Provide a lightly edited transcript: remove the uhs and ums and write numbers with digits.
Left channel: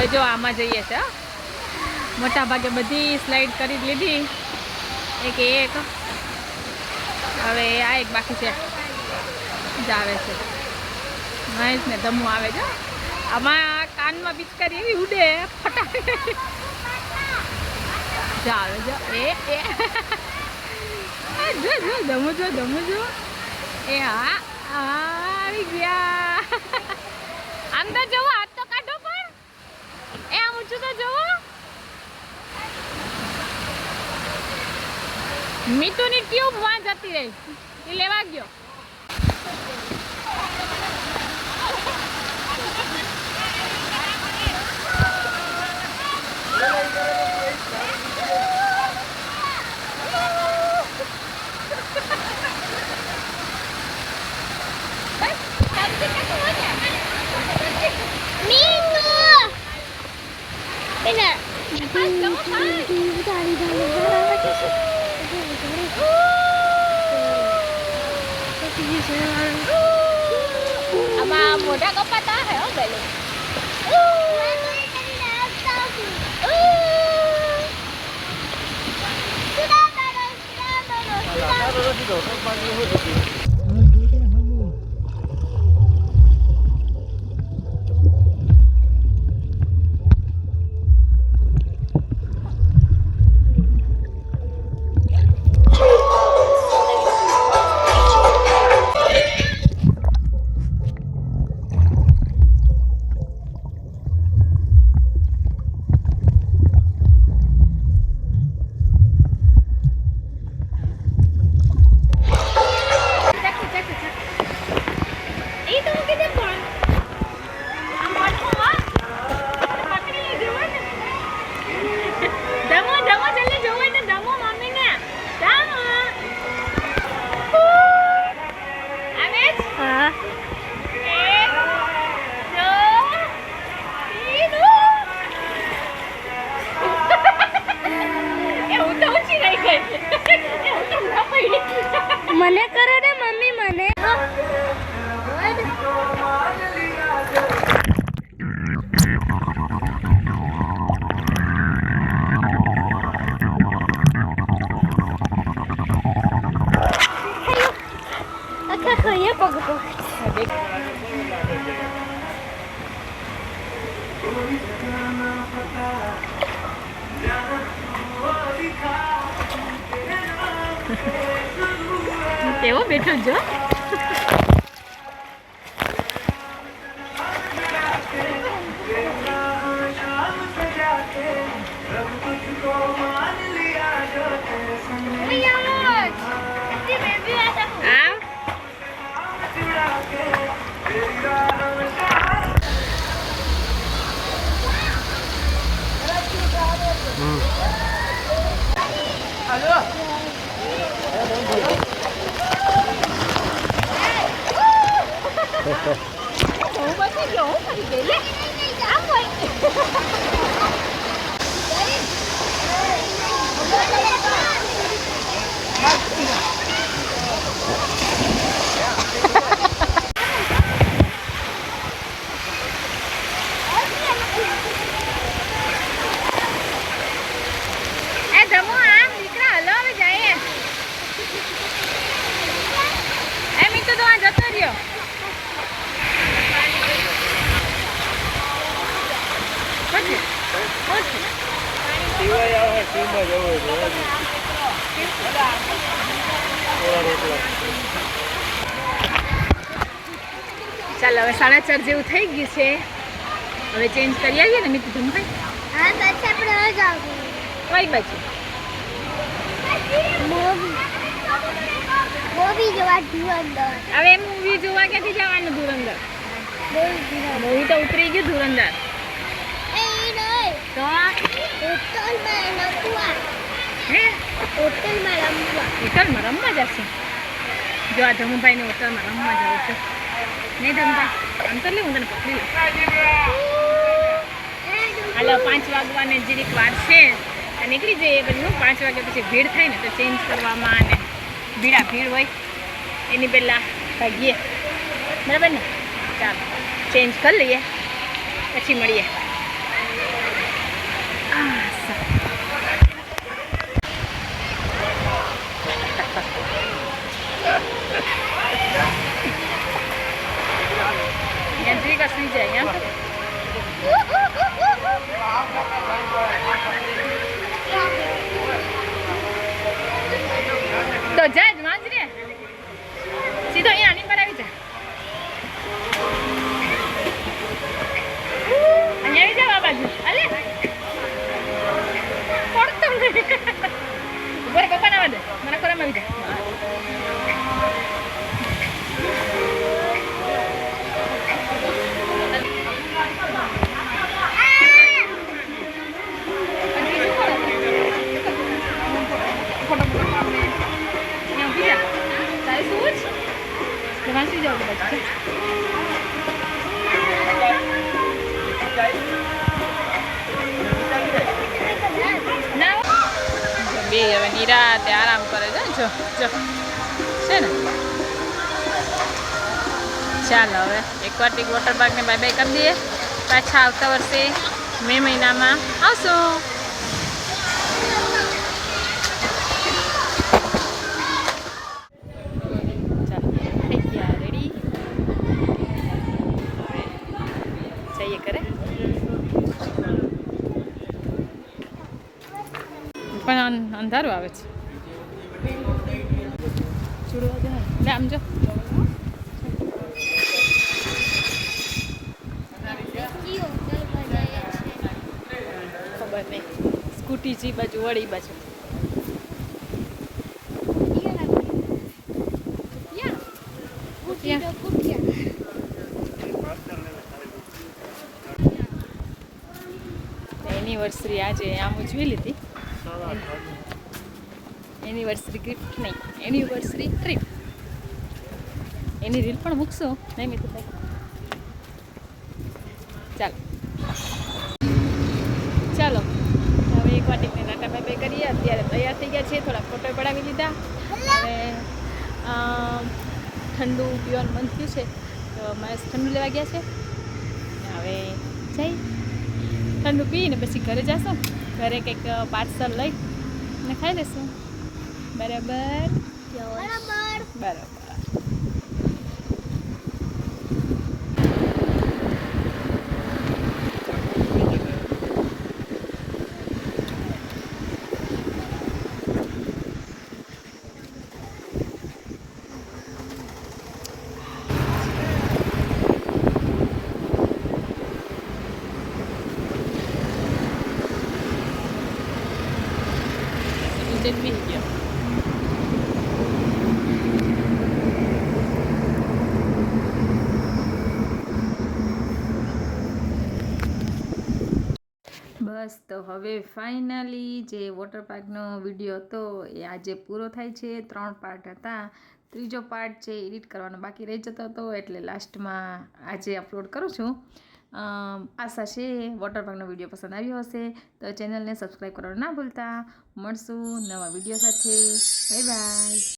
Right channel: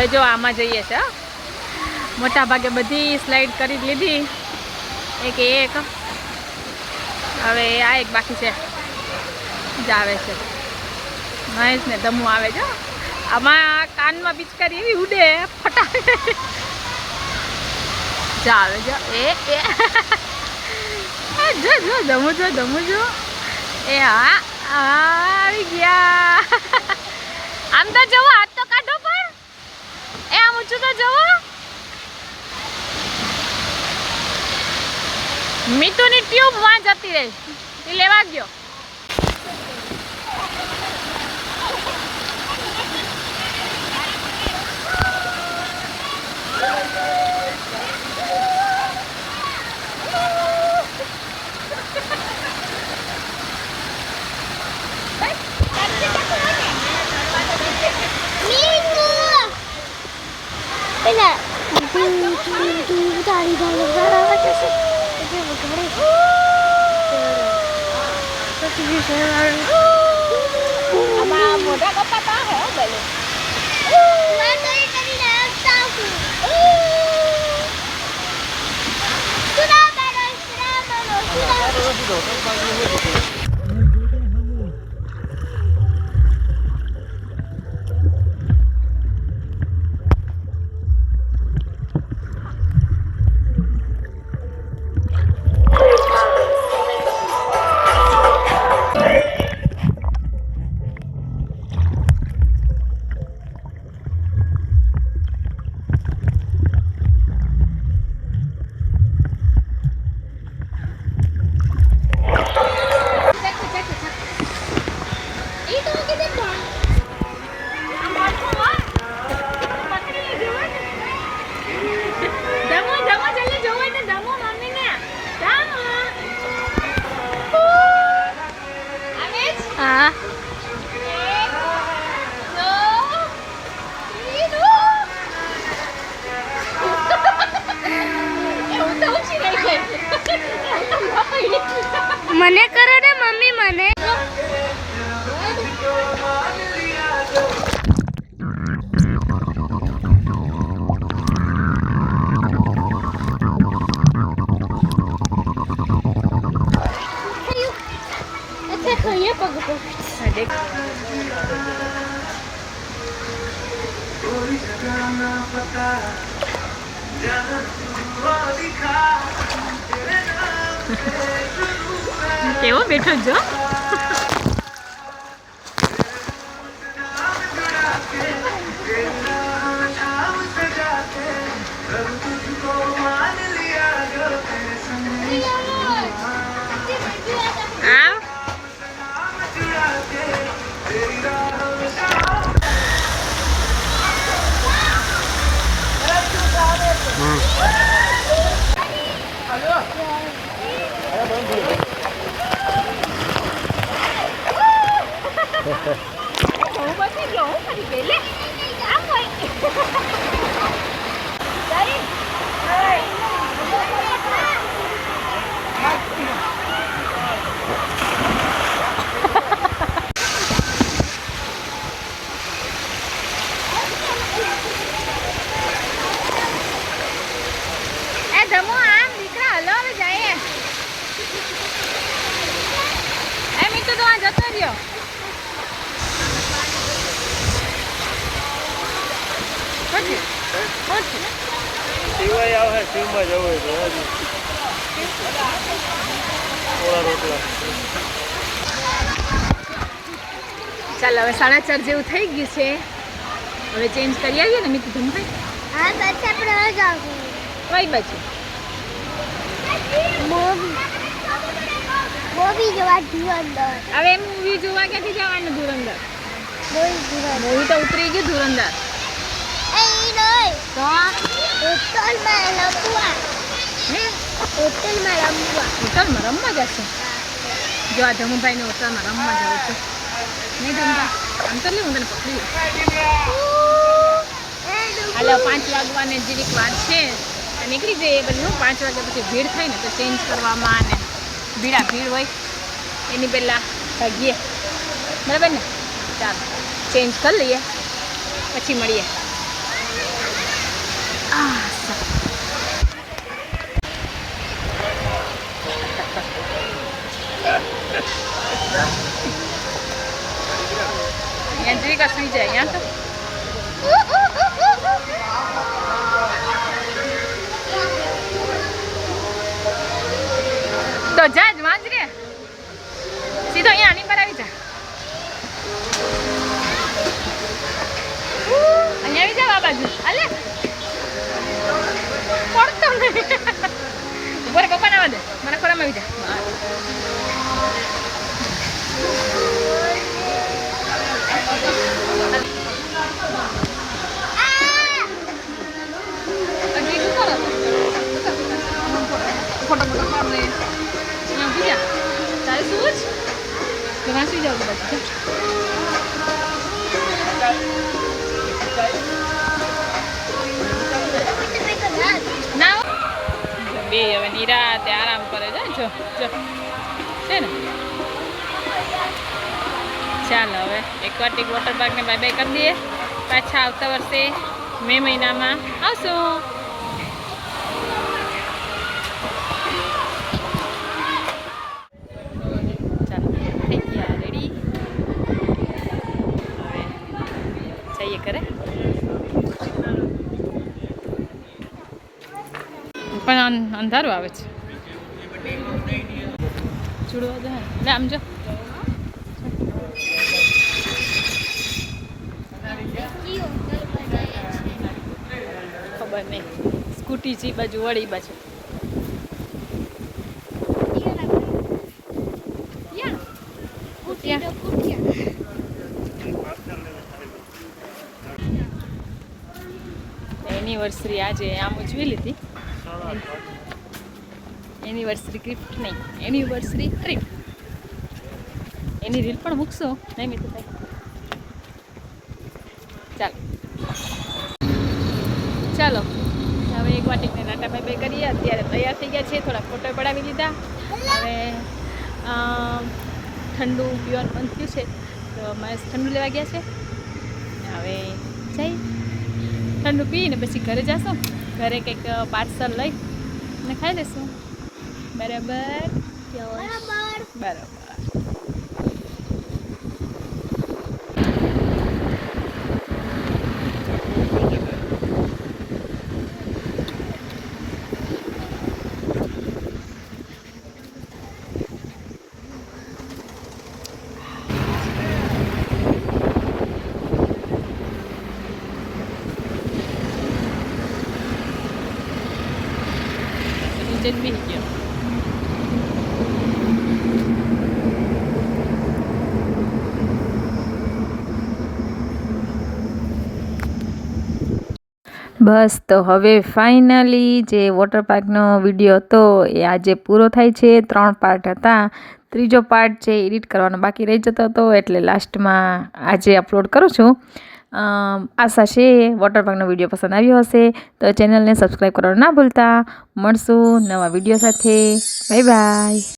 હવે જો આમાં જઈએ છે મોટા ભાગે બધી સ્લાઇડ કરી લીધી એક હવે આ એક બાકી છે જ આવે છે મહેશ ને ધમુ આવે છે આમાં કાનમાં પિચકારી એવી ઉડે ફટાકે જાવે જો એ જો જો ધમુ જો એ હા આવી ગયા આમ તો જવો હાથ તો કાઢો પણ એ આમ ઊંચું તો જવો મીતુની ટ્યુબ વાં જતી રહી એ લેવા ગયો મોટા કપાતા હે બેલો મને કરો ને મમ્મી મને अच्छा खाइए पग को કેવો બેઠો જો ચાલો હવે 4:30 જેવું થઈ ગયું છે હવે ચેન્જ કરી આવીએ ને મિતુ ધમભાઈ હા બસ આપણે હવે જાવ કઈ બાજુ મૂવી જોવા ધુરંદર હવે મૂવી જોવા ક્યાંથી જવાનું ધુરંદર મૂવી તો ઉતરી ગયું ધુરંદર તો હોટલમાં રમવા જશે જો આ ધમુભાઈને હોટલમાં રમવા જાઉં છું નહીં ધમભાઈ આમ તો લે હું તને પકડી લઉં હાલો 5 વાગવાને જીરીક વાર છે નીકળી જઈએ પછી હું 5 વાગ્યા પછી ભીડ થાય ને તો ચેન્જ કરવામાં અને ભીડ હોય એની પહેલાં ભાગીએ બરાબર ને ચાલો ચેન્જ કરી લઈએ પછી મળીએ તો જા જ વાંચ રે સીધો અહીંયા આની પર આવી જા અહીંયા આવી જા આ બાજુ અલે પડતો નહીં ઉપર પપ્પા ના દે મને ખોરામાં આવી જા ફોટો પાડને અહીંયા ઉભી જા તારે શું જ વાંચી જાવ બાજુ ના બે હવે નિરાતે આરામ કરે છે જો જો છે ને ચાલો હવે એક્વાટિક વોટર પાર્કને બાય બાય કરી દઈએ પાછા આવતા વર્ષે મે મહિનામાં આવશું ચાલો થઈ ગયા રેડી હવે જઈએ કરે પણ અંધારું આવે છે ચૂડવા જાય એટલે આમ જો ખબર નહીં સ્કૂટી છે બાજુ વળી બાજુ એનિવર્સરી આજે આમ ઉજવી લીધી એનિવર્સરી ગિફ્ટ નહીં એનિવર્સરી ટ્રીપ એની રીલ પણ મૂકશો નહીં મિત્રો ચાલો ચાલો હવે એક વાટીને નાટા બાય બાય કરીએ અત્યારે તૈયાર થઈ ગયા છે થોડાક ફોટો પડાવી લીધા હવે ઠંડુ પીવાનું મન થયું છે તો મહેશ ઠંડુ લેવા ગયા છે હવે જઈ ઠંડુ પીને પછી ઘરે જશું ઘરે કંઈક પાર્સલ લઈ ને ખાઈ લેશું બરાબર બરાબર જન્મી ગયો બસ તો હવે ફાઇનલી જે વોટર પાર્કનો વિડીયો હતો એ આજે પૂરો થાય છે 3 પાર્ટ હતા ત્રીજો પાર્ટ છે એડિટ કરવાનો બાકી રહી જતો હતો એટલે લાસ્ટમાં આજે અપલોડ કરું છું આશા છે વોટર પાર્કનો વિડીયો પસંદ આવ્યો હશે તો ચેનલને સબસ્ક્રાઈબ કરવાનું ના ભૂલતા મળશું નવા વિડીયો સાથે બાય બાય